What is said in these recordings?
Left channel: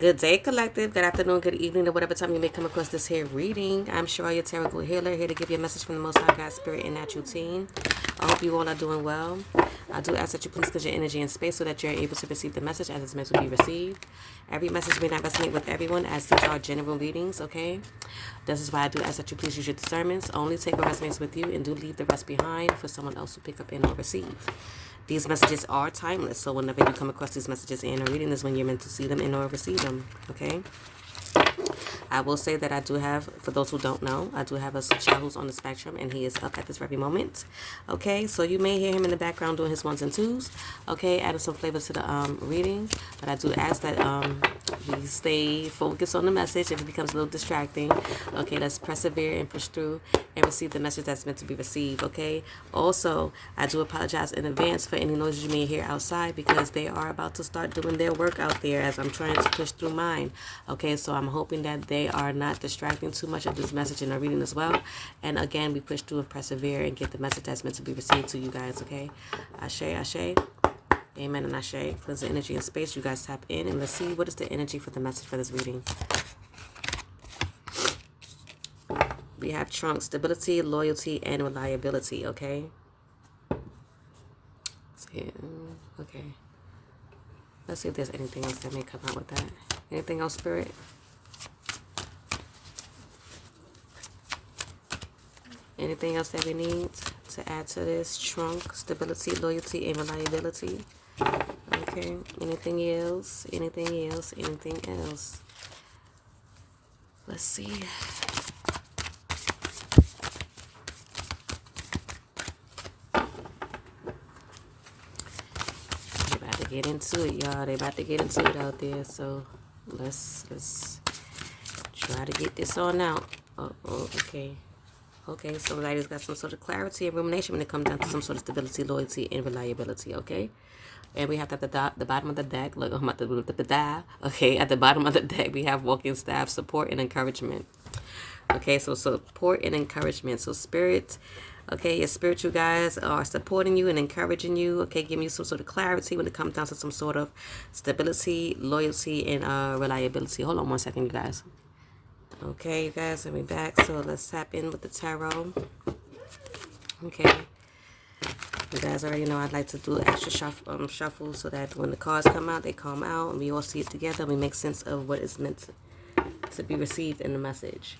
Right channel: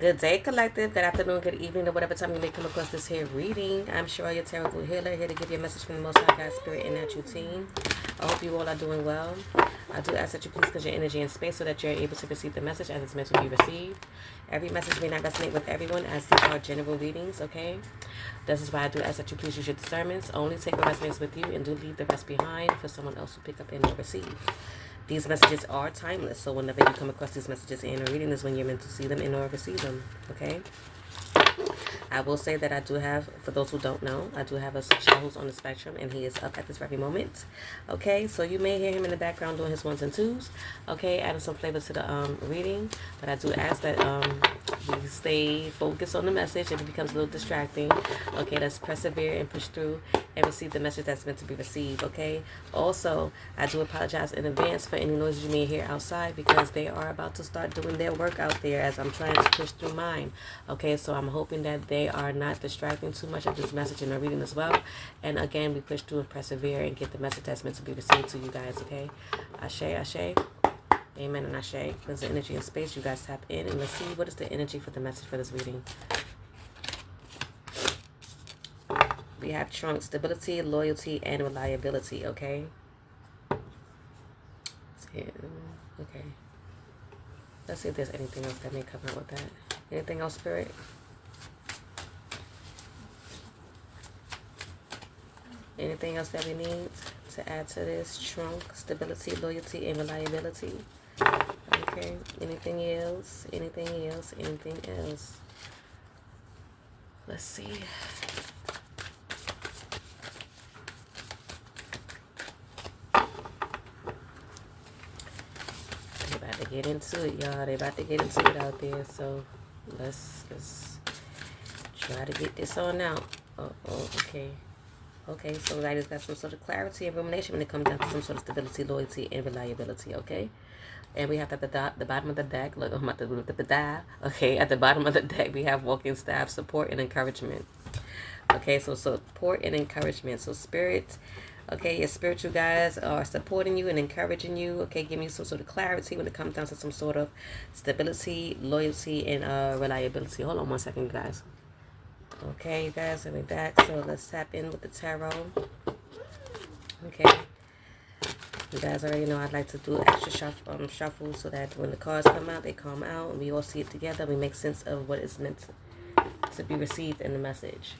Good day, collective. Good afternoon, good evening, or whatever time you may come across this here reading. I'm Shariah, your tarot healer, here to give you a message from the Most High God Spirit and Natural Team. I hope you all are doing well. I do ask that you please clear your energy and space so that you're able to receive the message as it's meant to be received. Every message may not resonate with everyone, as these are general readings, okay? This is why I do ask that you please use your discernments. Only take what resonates with you and do leave the rest behind for someone else to pick up and or receive. These messages are timeless, so whenever you come across these messages in a reading is when you're meant to see them and or receive them, okay? I will say that I do have, for those who don't know, I do have a child who's on the spectrum, and he is up at this very moment. Okay, so you may hear him in the background doing his ones and twos. Okay, adding some flavor to the reading, but I do ask that we stay focused on the message. If it becomes a little distracting, okay, let's persevere and push through and receive the message that's meant to be received. Okay. Also, I do apologize in advance for any noises you may hear outside because they are about to start doing their work out there as I'm trying to push through mine. Okay, so I'm hoping that they are not distracting too much of this message in our reading as well. And again, we push through and persevere and get the message that's meant to be received to you guys. Okay, Ashe, Ashe. Amen and Ashe. Cleanse the energy and space. You guys tap in and let's see what is the energy for the message for this reading. We have trunk, stability, loyalty, and reliability, okay? Okay. Let's see if there's anything else that may come out with that. Anything else, Spirit? Anything else that we need to add to this? Trunk, stability, loyalty, and reliability. Okay. Anything else? Anything else? Anything else? Let's see. Get into it, y'all. They about to get into it out there, so let's try to get this on out. Okay. So ladies got some sort of clarity and rumination when it comes down to some sort of stability, loyalty, and reliability. Okay, and we have at the bottom of the deck. Look, I'm about to do the die. Okay, at the bottom of the deck we have walking staff, support, and encouragement. Okay, so support and encouragement. So spirit. Okay, your spiritual guys are supporting you and encouraging you. Okay, giving you some sort of clarity when it comes down to some sort of stability, loyalty, and reliability. Hold on one second, you guys. Okay, you guys, let me back. So let's tap in with the tarot. Okay. You guys already know I'd like to do extra shuffle so that when the cards come out, they come out and we all see it together. We make sense of what is meant to be received in the message.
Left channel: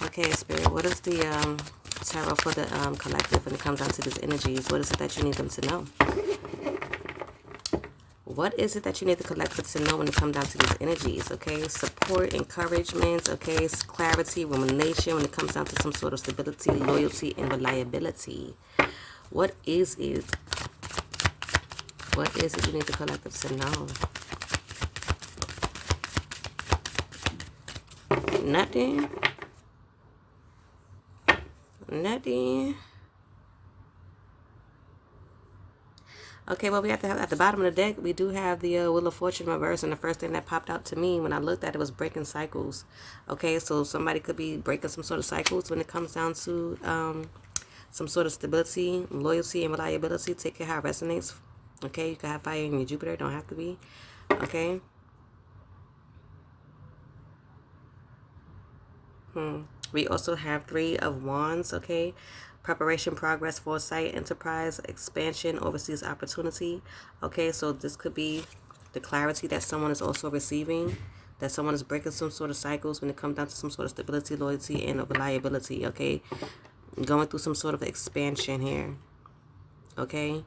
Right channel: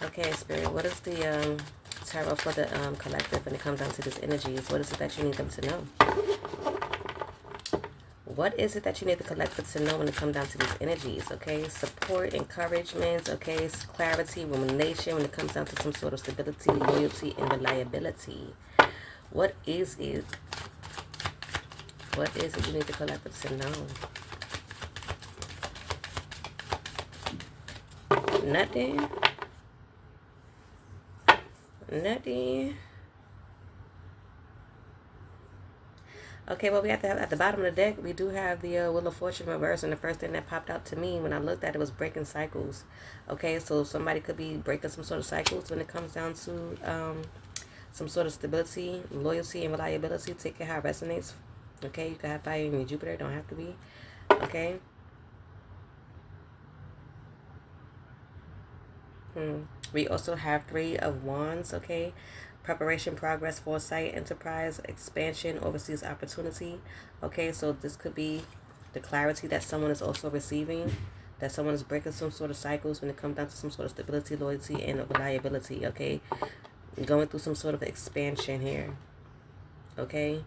Okay, Spirit, what is the tarot for the collective when it comes down to these energies? What is it that you need them to know? What is it that you need the collective to know when it comes down to these energies? Okay, support, encouragement, okay, clarity, rumination when it comes down to some sort of stability, loyalty, and reliability. What is it? What is it you need the collective to know? Nothing. Nothing. Okay, well, we have to have at the bottom of the deck, we do have the Wheel of Fortune reverse, and the first thing that popped out to me when I looked at it was breaking cycles. Okay, so somebody could be breaking some sort of cycles when it comes down to some sort of stability, loyalty, and reliability. Take it how it resonates. Okay, you can have fire in your Jupiter, don't have to be. Okay. We also have Three of Wands, okay? Preparation, progress, foresight, enterprise, expansion, overseas opportunity. Okay, so this could be the clarity that someone is also receiving, that someone is breaking some sort of cycles when it comes down to some sort of stability, loyalty, and reliability, okay? Going through some sort of expansion here, okay?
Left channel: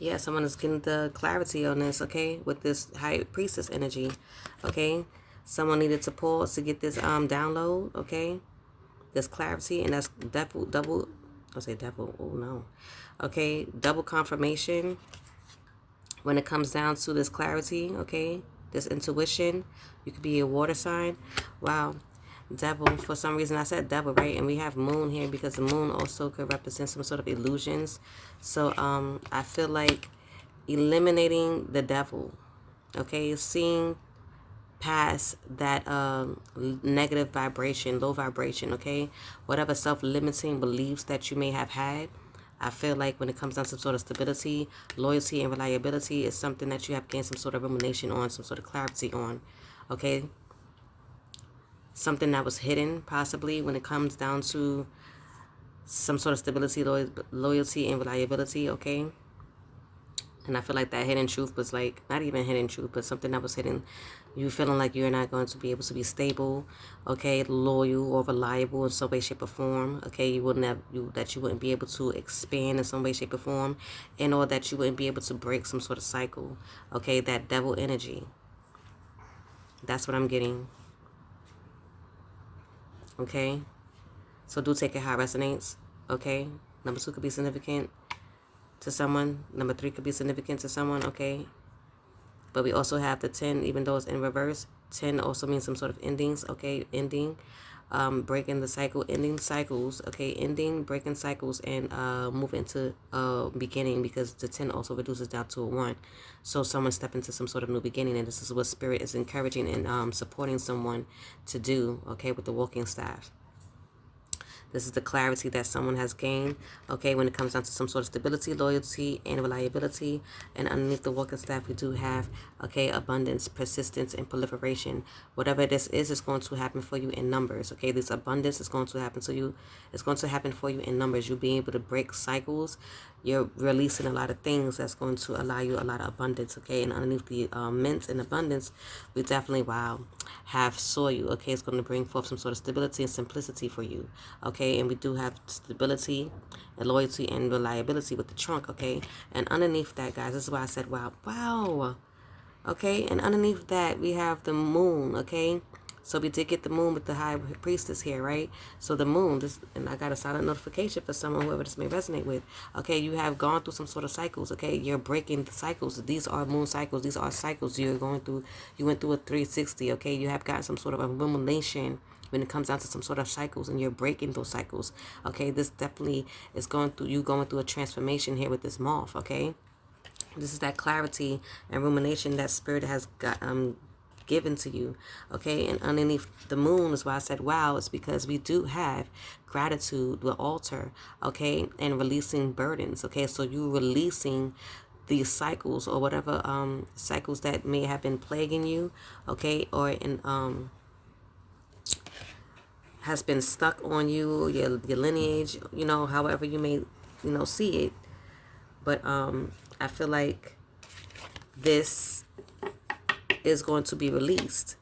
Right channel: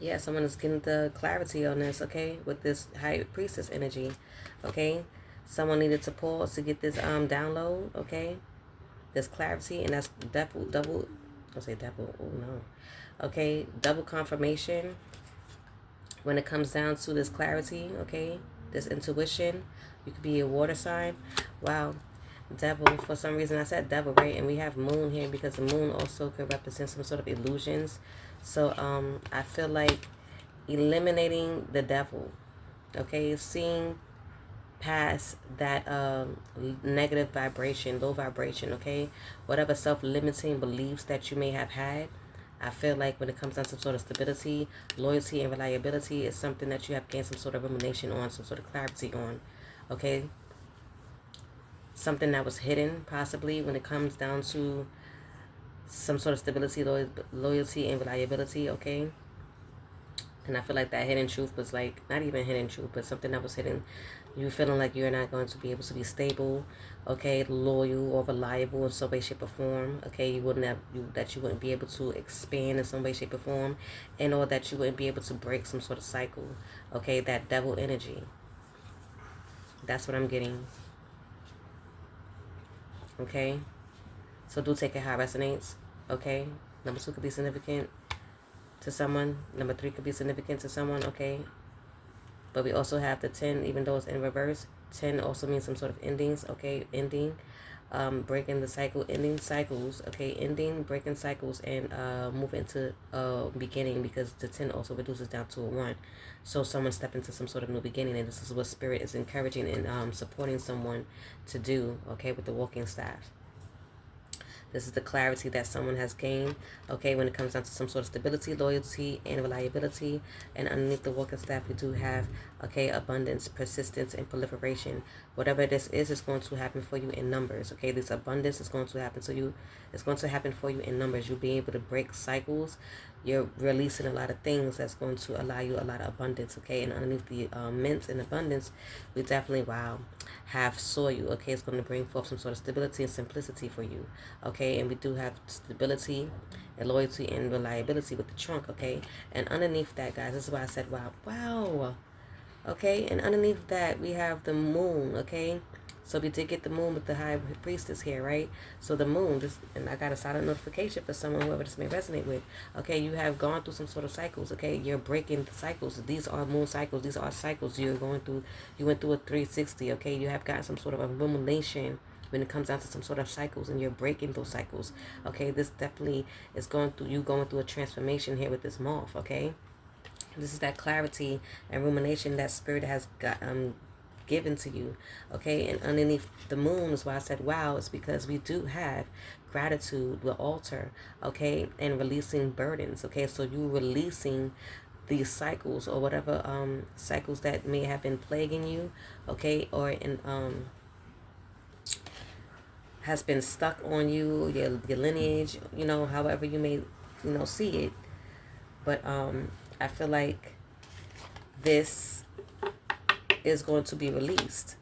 Yeah, someone is getting the clarity on this, okay, with this High Priestess energy, okay? Someone needed to pause to get this download, okay? This clarity, and that's double, I'll say double, oh no. Okay, double confirmation when it comes down to this clarity, okay? This intuition. You could be a water sign. Wow. Devil, for some reason I said devil, right? And we have moon here because the moon also could represent some sort of illusions. So I feel like eliminating the devil, okay? Seeing past that negative vibration, low vibration, okay? Whatever self-limiting beliefs that you may have had, I feel like when it comes down to some sort of stability, loyalty, and reliability, is something that you have gained some sort of rumination on, some sort of clarity on. Okay? Something that was hidden, possibly, when it comes down to some sort of stability, loyalty, and reliability. Okay? And I feel like that hidden truth was like, not even hidden truth, but something that was hidden. You feeling like you're not going to be able to be stable, okay, loyal or reliable in some way, shape, or form. Okay, you wouldn't have that you wouldn't be able to expand in some way, shape, or form, and or that you wouldn't be able to break some sort of cycle. Okay, that devil energy. That's what I'm getting. Okay, so do take it how it resonates. Okay, number 2 could be significant to someone. Number 3 could be significant to someone. Okay. But we also have the 10, even though it's in reverse. 10 also means some sort of endings, okay? Ending, breaking the cycle, ending cycles, okay? Ending, breaking cycles, and moving to beginning, because the 10 also reduces down to a 1. So someone step into some sort of new beginning, and this is what Spirit is encouraging and supporting someone to do, okay, with the walking staff. This is the clarity that someone has gained, okay, when it comes down to some sort of stability, loyalty, and reliability. And underneath the walking staff, we do have, okay, abundance, persistence, and proliferation. Whatever this is going to happen for you in numbers, okay? This abundance is going to happen to you. It's going to happen for you in numbers. You'll be able to break cycles. You're releasing a lot of things that's going to allow you a lot of abundance, okay? And underneath the mint and abundance, we definitely, wow, have soil, okay? It's going to bring forth some sort of stability and simplicity for you, okay? And we do have stability and loyalty and reliability with the trunk, okay? And underneath that, guys, this is why I said, wow, wow, okay? And underneath that, we have the moon, okay? So we did get the moon with the high priestess here, right? So the moon, this, and I got a silent notification for someone, whoever this may resonate with. Okay, you have gone through some sort of cycles, okay? You're breaking the cycles. These are moon cycles. These are cycles you're going through. You went through a 360, okay? You have gotten some sort of illumination when it comes down to some sort of cycles, and you're breaking those cycles, okay? This definitely is going through a transformation here with this moth, okay? This is that clarity and rumination that Spirit has got given to you, okay? And underneath the moon is why I said wow. It's because we do have gratitude, the altar, okay, and releasing burdens, okay? So you releasing these cycles or whatever cycles that may have been plaguing you, okay, or in has been stuck on you, your lineage, you know, however you may, see it. But I feel like this is going to be released,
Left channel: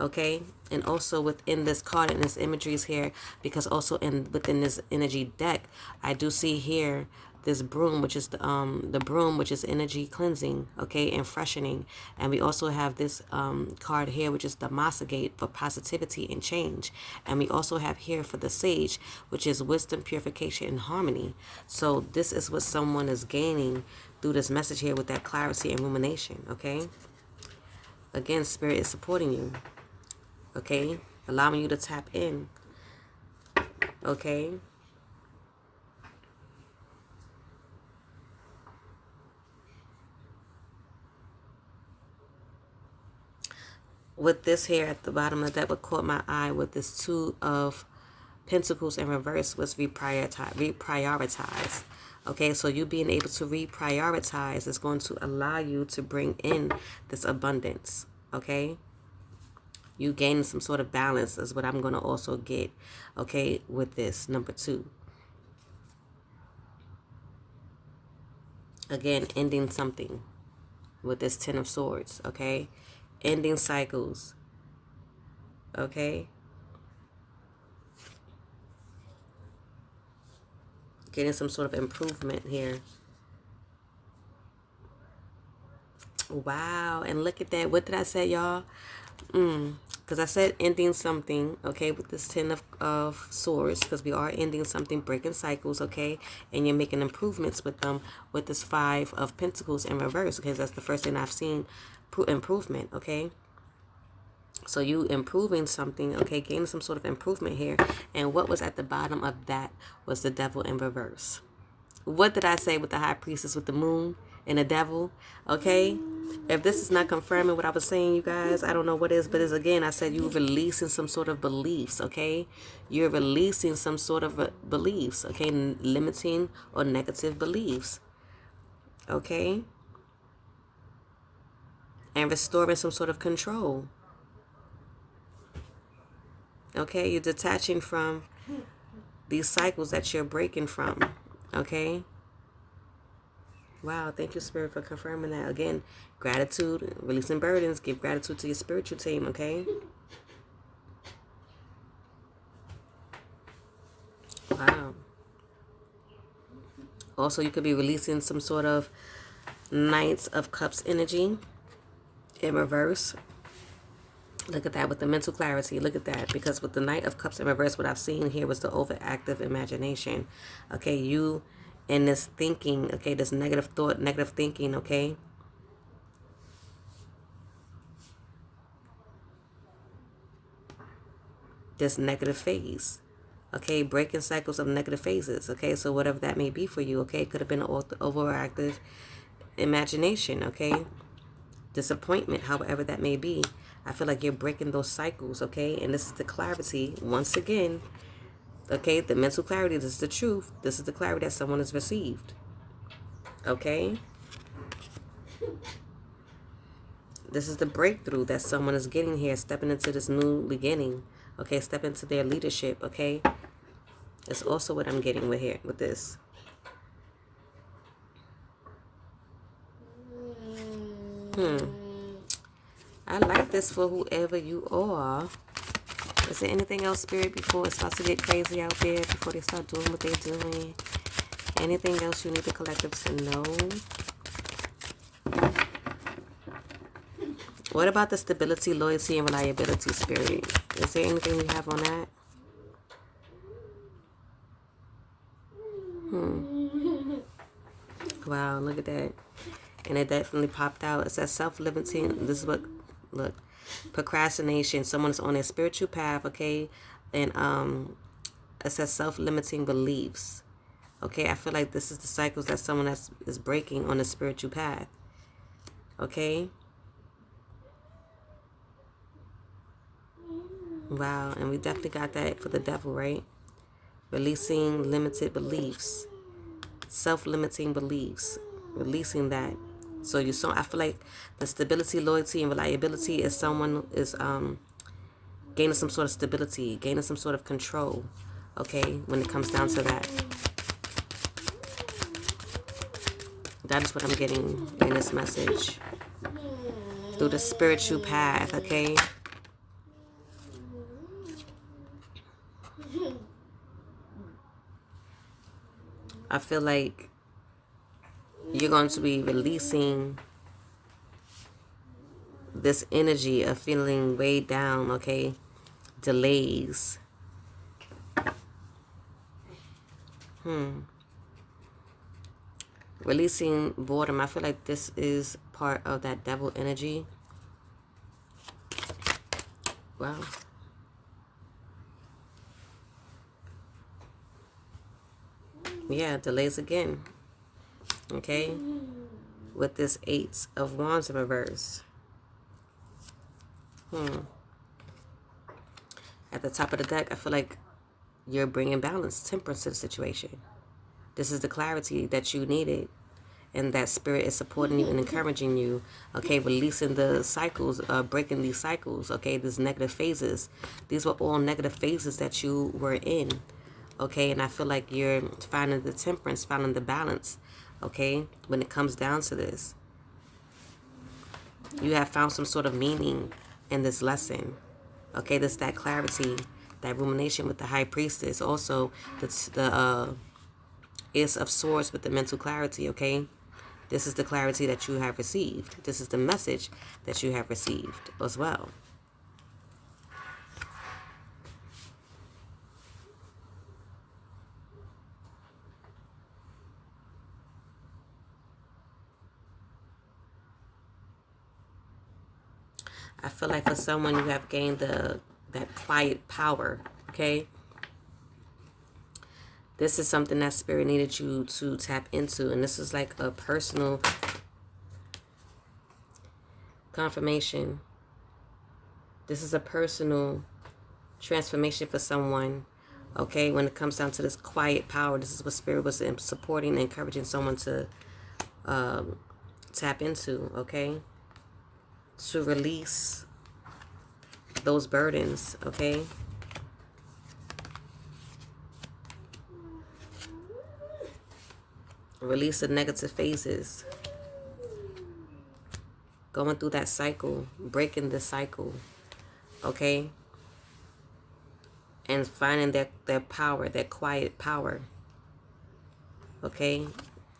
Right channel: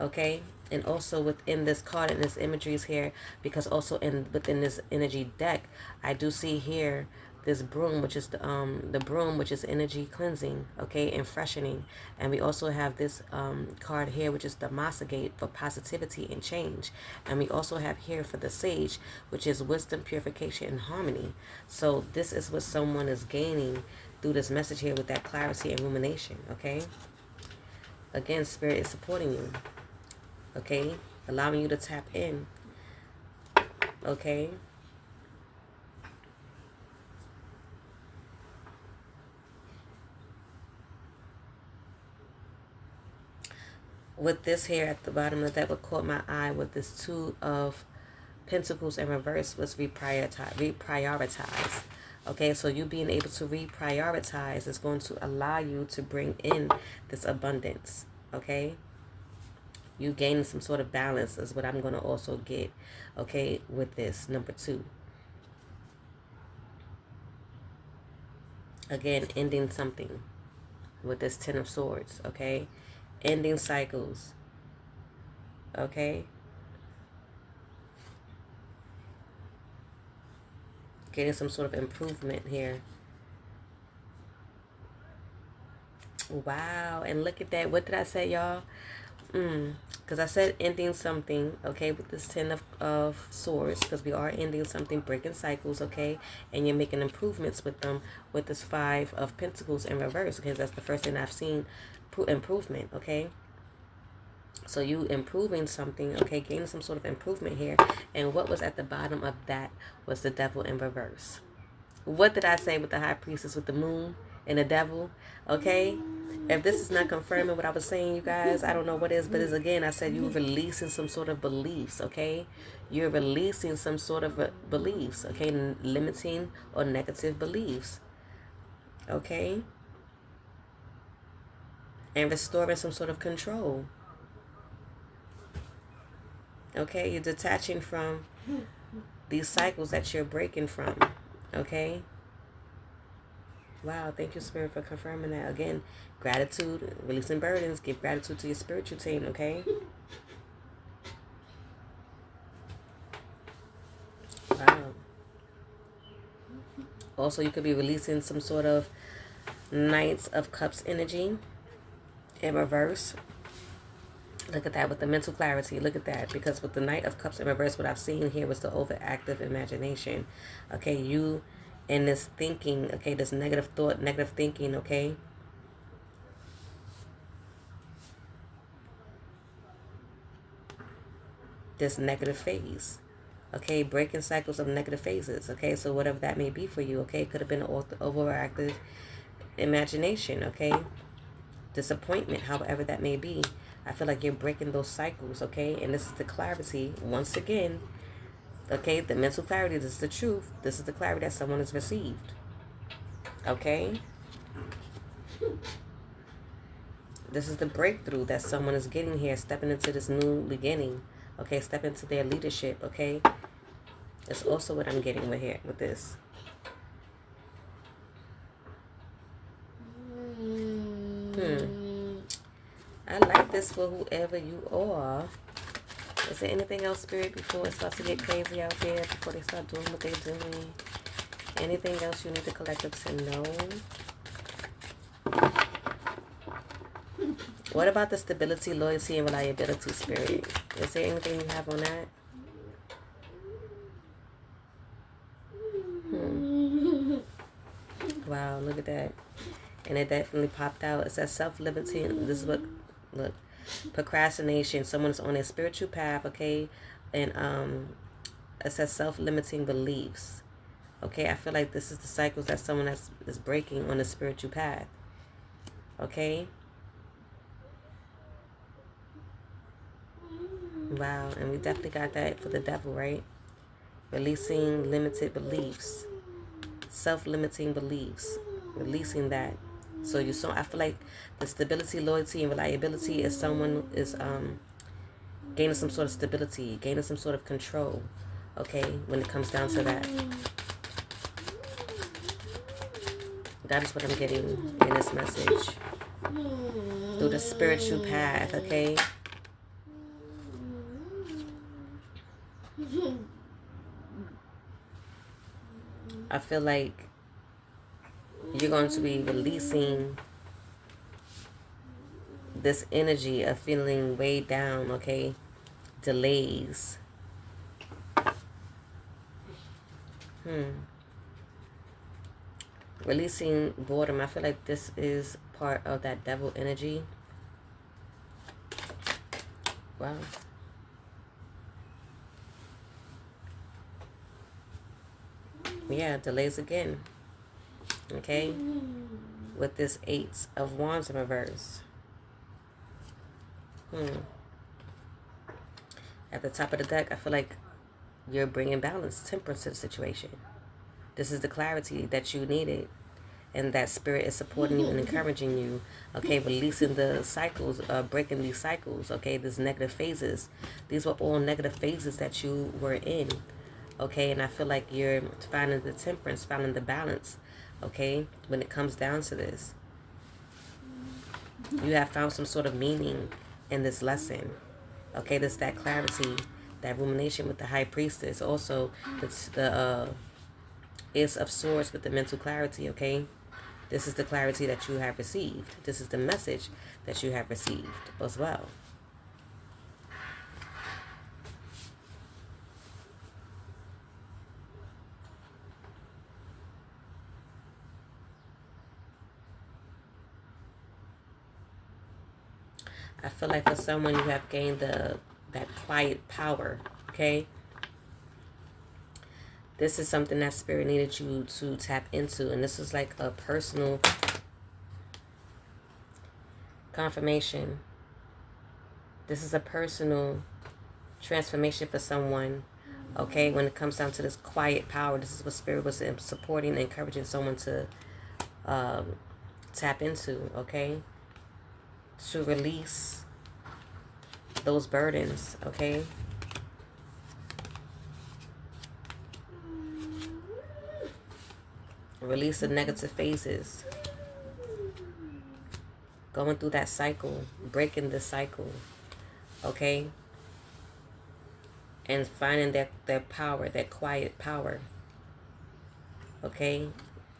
okay? And also within this card and this imagery is here, because also within this energy deck, I do see here this broom, which is the broom, which is energy cleansing, okay, and freshening. And we also have this card here, which is the Masagate, for positivity and change. And we also have here for the Sage, which is wisdom, purification, and harmony. So this is what someone is gaining through this message here with that clarity and rumination, okay? Again, Spirit is supporting you, okay? Allowing you to tap in, okay? With this here at the bottom of that, what caught my eye with this 2 of Pentacles in reverse was reprioritize. Okay, so you being able to reprioritize is going to allow you to bring in this abundance, okay? You gain some sort of balance is what I'm going to also get, okay, with this number 2. Again, ending something with this 10 of Swords, okay? Ending cycles, okay? Getting some sort of improvement here. Wow, and look at that. What did I say, y'all? Because I said ending something, okay, with this 10 of Swords, because we are ending something, breaking cycles, okay, and you're making improvements with them with this 5 of Pentacles in reverse, because that's the first thing I've seen, improvement, okay? So you improving something, okay, gaining some sort of improvement here. And what was at the bottom of that was the Devil in reverse. What did I say with the High Priestess with the moon? and the devil, okay? If this is not confirming what I was saying, you guys, I don't know what is, but it's again, I said you're releasing some sort of beliefs, okay? You're releasing some sort of beliefs, okay? Limiting or negative beliefs, okay? And restoring some sort of control, okay? You're detaching from these cycles that you're breaking from, okay? Wow, thank you, Spirit, for confirming that. Again, gratitude, releasing burdens. Give gratitude to your spiritual team, okay? Wow. Also, you could be releasing some sort of Knights of Cups energy in reverse. Look at that with the mental clarity. Look at that. Because with the Knight of Cups in reverse, what I've seen here was the overactive imagination. Okay, you in this thinking, okay, this negative thought, negative thinking, okay? This negative phase. Okay, breaking cycles of negative phases. Okay, so whatever that may be for you, okay, it could have been an overactive imagination, okay? Disappointment, however that may be. I feel like you're breaking those cycles, okay? And this is the clarity, once again, okay? The mental clarity, this is the truth. This is the clarity that someone has received, okay? This is the breakthrough that someone is getting here, stepping into this new beginning, okay? Step into their leadership, okay? That's also what I'm getting with here, with this. I like this for whoever you are. Is there anything else, Spirit, before it starts to get crazy out there, before they start doing what they're doing? Anything else you need the collective to know? What about the stability, loyalty, and reliability, Spirit? Is there anything you have on that? Wow, look at that. And it definitely popped out. It says self-limiting. This is what, look, procrastination. Someone's on their spiritual path, okay? And it says self-limiting beliefs. Okay, I feel like this is the cycles that someone is breaking on a spiritual path. Okay? Wow, and we definitely got that for the devil, right? Releasing limited beliefs. Self-limiting beliefs. Releasing that. So I feel like the stability, loyalty, and reliability is someone is gaining some sort of stability, gaining some sort of control, okay, when it comes down to that. That is what I'm getting in this message. Through the spiritual path, okay? I feel like you're going to be releasing this energy of feeling weighed down, okay? Delays. Releasing boredom. I feel like this is part of that devil energy. Wow. Yeah, delays again. Okay? With this 8 of Wands in reverse. At the top of the deck, I feel like you're bringing balance, temperance to the situation. This is the clarity that you needed. And that spirit is supporting you and encouraging you. Okay, releasing the cycles, breaking these cycles. Okay, these negative phases. These were all negative phases that you were in. Okay, and I feel like you're finding the temperance, finding the balance. Okay, when it comes down to this. You have found some sort of meaning in this lesson. Okay, this that clarity, that rumination with the High Priestess. Also, the Ace of Swords with the mental clarity, okay? This is the clarity that you have received. This is the message that you have received as well. I feel like for someone you have gained that quiet power, okay? This is something that Spirit needed you to tap into. And this is like a personal Confirmation. This is a personal transformation for someone. Okay, when it comes down to this quiet power, this is what Spirit was supporting and encouraging someone to tap into, okay? To release those burdens, okay? Release the negative phases. Going through that cycle, breaking the cycle, okay? And finding that power, that quiet power, okay?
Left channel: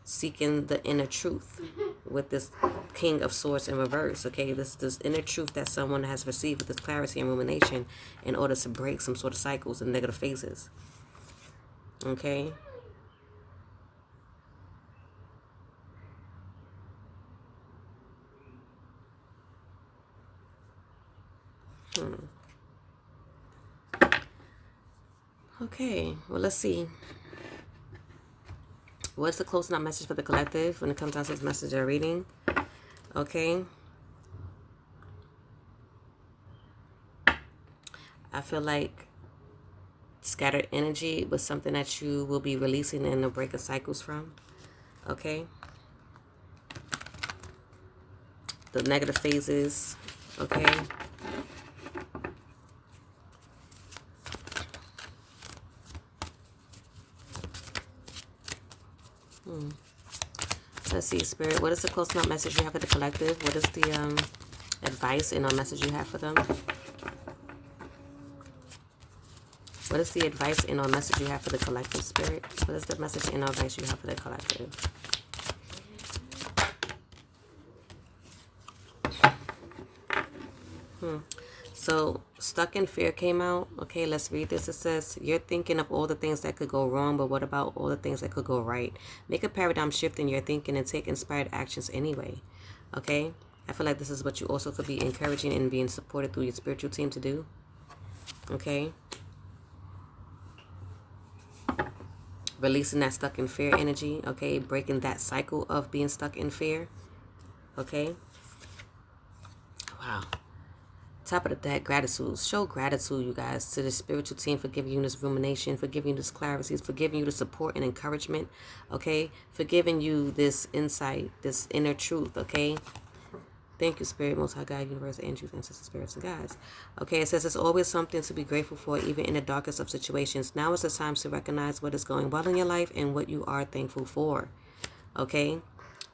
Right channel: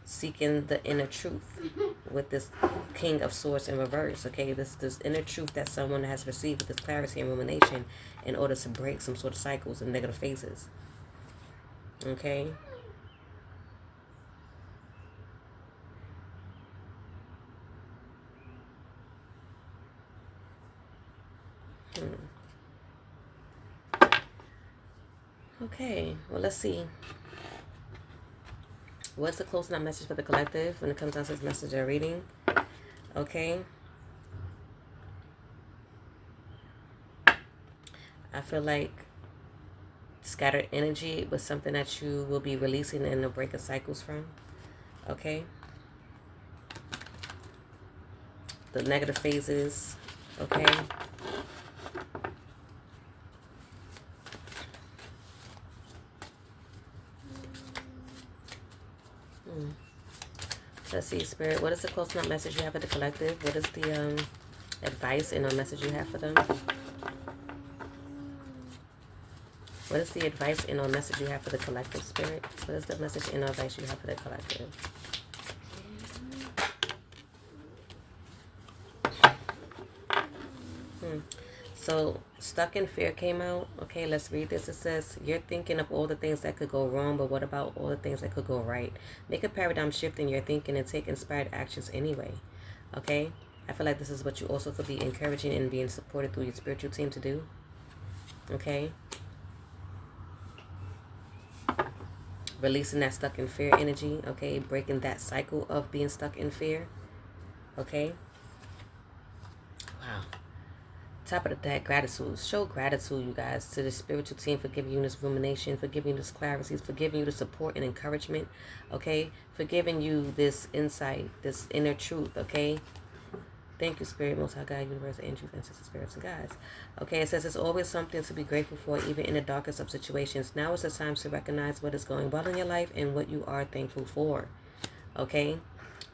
Seeking the inner truth with this King of Swords in reverse, okay? This inner truth that someone has received with this clarity and rumination in order to break some sort of cycles and negative phases, okay? Okay, well, let's see. What's the closing out message for the collective when it comes down to this message you're reading? Okay. I feel like scattered energy was something that you will be releasing and breaking cycles from. Okay. The negative phases. Okay. Let's see, Spirit. What is the closing out message you have for the collective? What is the advice and message you have for them? What is the advice and message you have for the collective, Spirit? What is the message and advice you have for the collective? So, Stuck in Fear came out. Okay, let's read this. It says, you're thinking of all the things that could go wrong, but what about all the things that could go right? Make a paradigm shift in your thinking and take inspired actions anyway. Okay? I feel like this is what you also could be encouraging and being supported through your spiritual team to do. Okay? Releasing that stuck in fear energy. Okay? Breaking that cycle of being stuck in fear. Okay? Wow. Top of the deck, gratitude. Show gratitude, you guys, to the spiritual team for giving you this rumination, for giving you this clarity, for giving you the support and encouragement, okay? For giving you this insight, this inner truth, okay? Thank you, Spirit, Most High God, Universe, angels, ancestors, spirits, and guides. Okay, it says there's always something to be grateful for, even in the darkest of situations. Now is the time to recognize what is going well in your life and what you are thankful for, okay?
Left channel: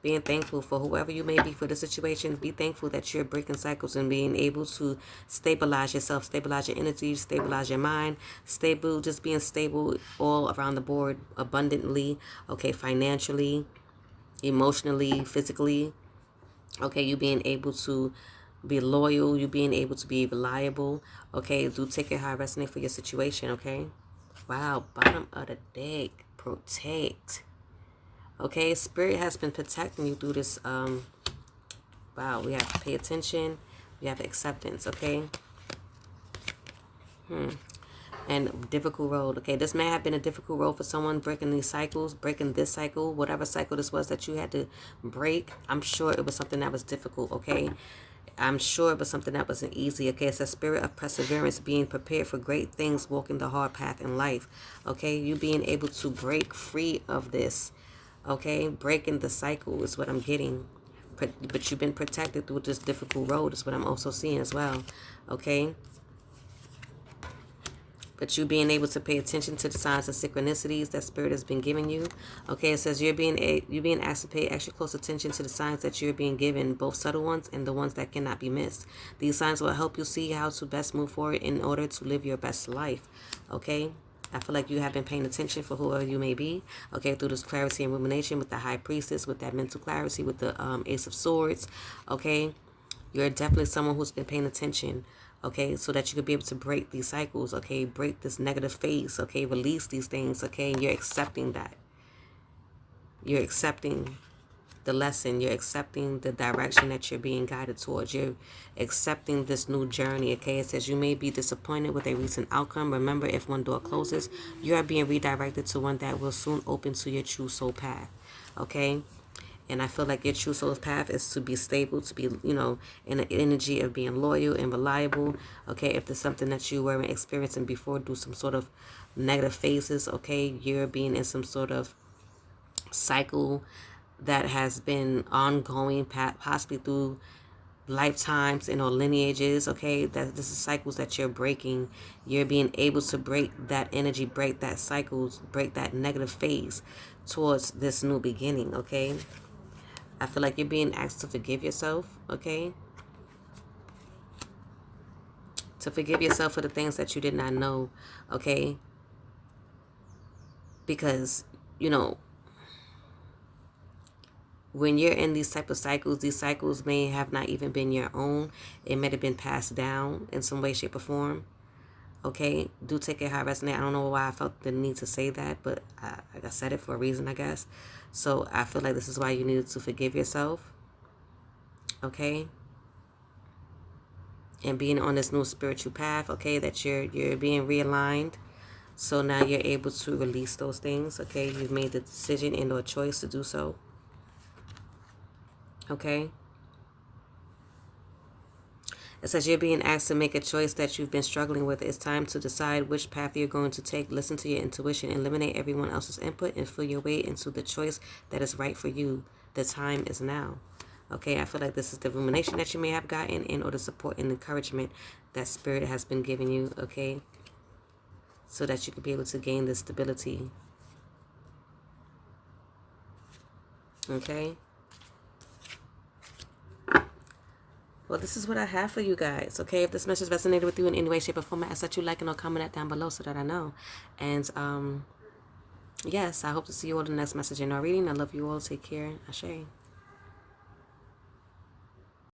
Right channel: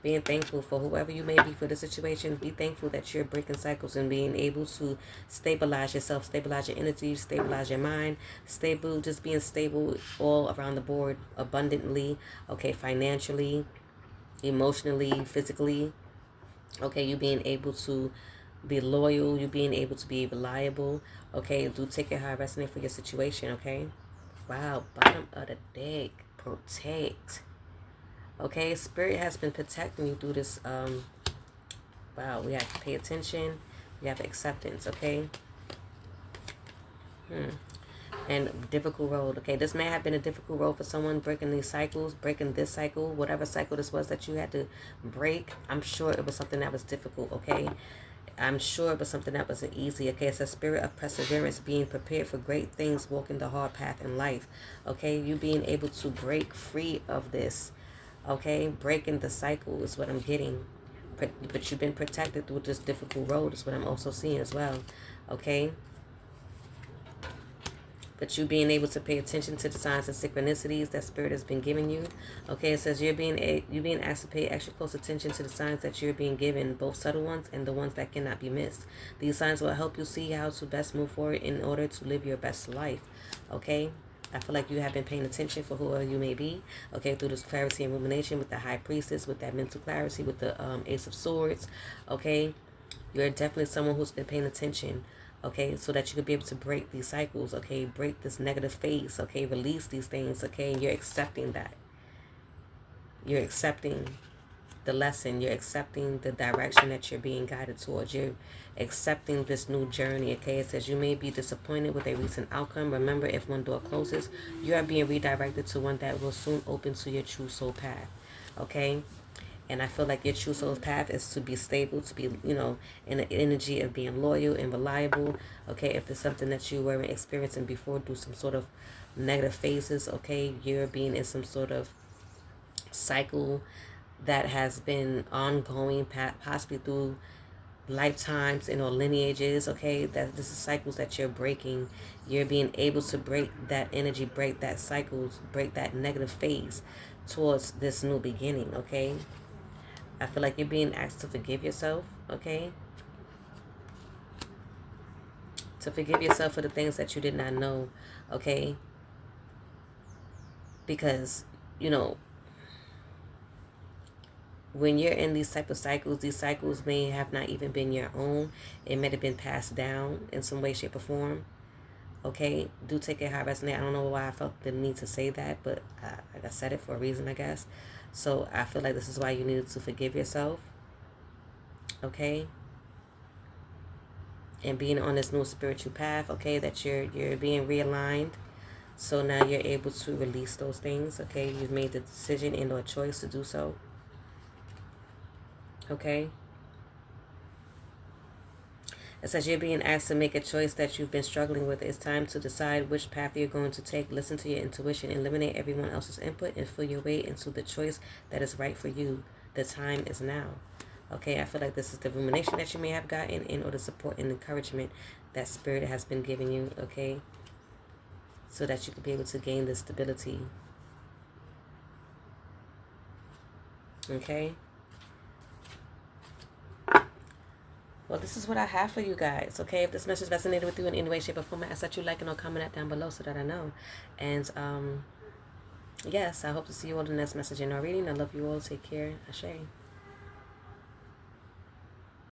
Being thankful for whoever you may be for the situation. Be thankful that you're breaking cycles and being able to stabilize yourself, stabilize your energy, stabilize your mind, just being stable all around the board, abundantly, okay, financially, emotionally, physically, okay, you being able to be loyal, you being able to be reliable, okay, do take it how I resonate for your situation, okay. Wow, bottom of the deck, protect. Okay, Spirit has been protecting you through this. Wow, we have to pay attention. We have acceptance, okay? And difficult road, okay? This may have been a difficult road for someone breaking these cycles, breaking this cycle, whatever cycle this was that you had to break. I'm sure it was something that was difficult, okay? I'm sure it was something that wasn't easy, okay? It's a spirit of perseverance, being prepared for great things, walking the hard path in life, okay? You being able to break free of this. Okay, breaking the cycle is what I'm getting. But you've been protected through this difficult road is what I'm also seeing as well. Okay. But you being able to pay attention to the signs and synchronicities that Spirit has been giving you. Okay, it says you're being asked to pay extra close attention to the signs that you're being given, both subtle ones and the ones that cannot be missed. These signs will help you see how to best move forward in order to live your best life. Okay. I feel like you have been paying attention for whoever you may be, okay, through this clarity and rumination with the High Priestess, with that mental clarity, with the Ace of Swords, okay. You're definitely someone who's been paying attention, okay, so that you could be able to break these cycles, okay, break this negative phase, okay, release these things, okay, and you're accepting that. You're accepting the lesson. You're accepting the direction that you're being guided towards. You're accepting this new journey, okay? It says you may be disappointed with a recent outcome. Remember, if one door closes, you are being redirected to one that will soon open to your true soul path, okay? And I feel like your true soul's path is to be stable, to be, you know, in the energy of being loyal and reliable. Okay, if there's something that you weren't experiencing before, do some sort of negative phases. Okay, you're being in some sort of cycle that has been ongoing, possibly through lifetimes, you know, lineages. Okay, that this is cycles that you're breaking. You're being able to break that energy, break that cycles, break that negative phase towards this new beginning. Okay, I feel like you're being asked to forgive yourself. Okay, to forgive yourself for the things that you did not know. Okay, because, you know, when you're in these cycles may have not even been your own. It may have been passed down in some way, shape, or form. Okay, do take it how it resonates. I don't know why I felt the need to say that, but I said it for a reason, I guess. So I feel like this is why you needed to forgive yourself. Okay, and being on this new spiritual path. Okay, that you're being realigned. So now you're able to release those things. Okay, you've made the decision and or choice to do so. Okay. It says you're being asked to make a choice that you've been struggling with. It's time to decide which path you're going to take. Listen to your intuition, eliminate everyone else's input, and feel your way into the choice that is right for you. The time is now. Okay, I feel like this is the rumination that you may have gotten in order to support and encouragement that Spirit has been giving you. Okay, so that you can be able to gain this stability. Okay. Well, this is what I have for you guys. Okay, if this message resonated with you in any way, shape, or form, I ask that you like and or comment that down below so that I know. And yes, I hope to see you all in the next message in our reading. I love you all. Take care. Ashe.